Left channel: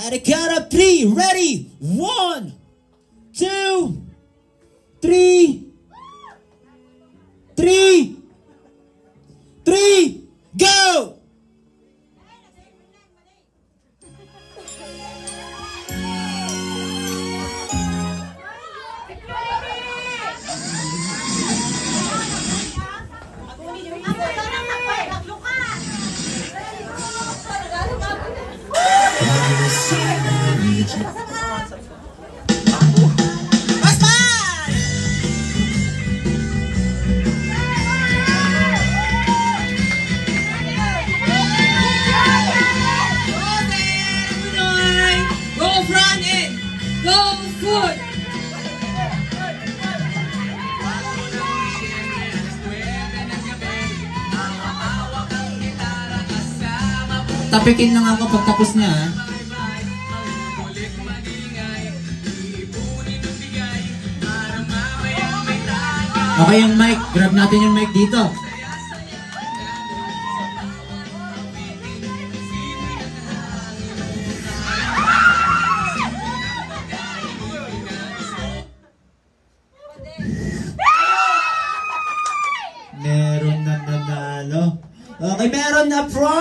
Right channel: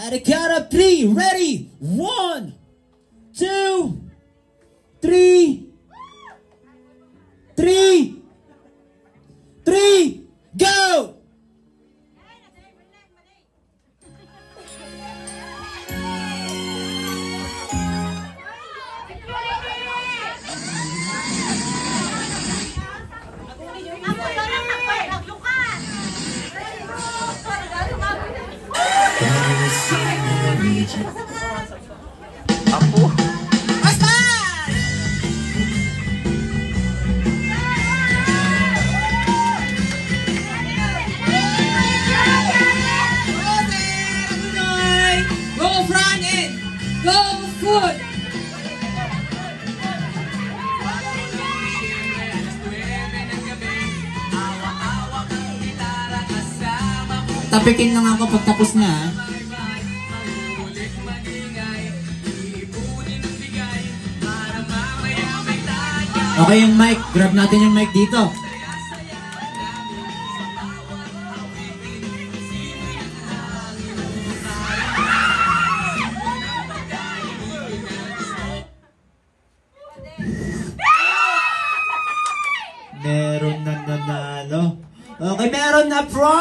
At a count of 3, ready? 1, 2, 3, 3, go! Apo. Basta! Go front end! Go foot! Tapikin lang ako pag tapos na. Okay yung mic. Grab natin yung mic dito. Meron na nanalo. Okay, meron na pro.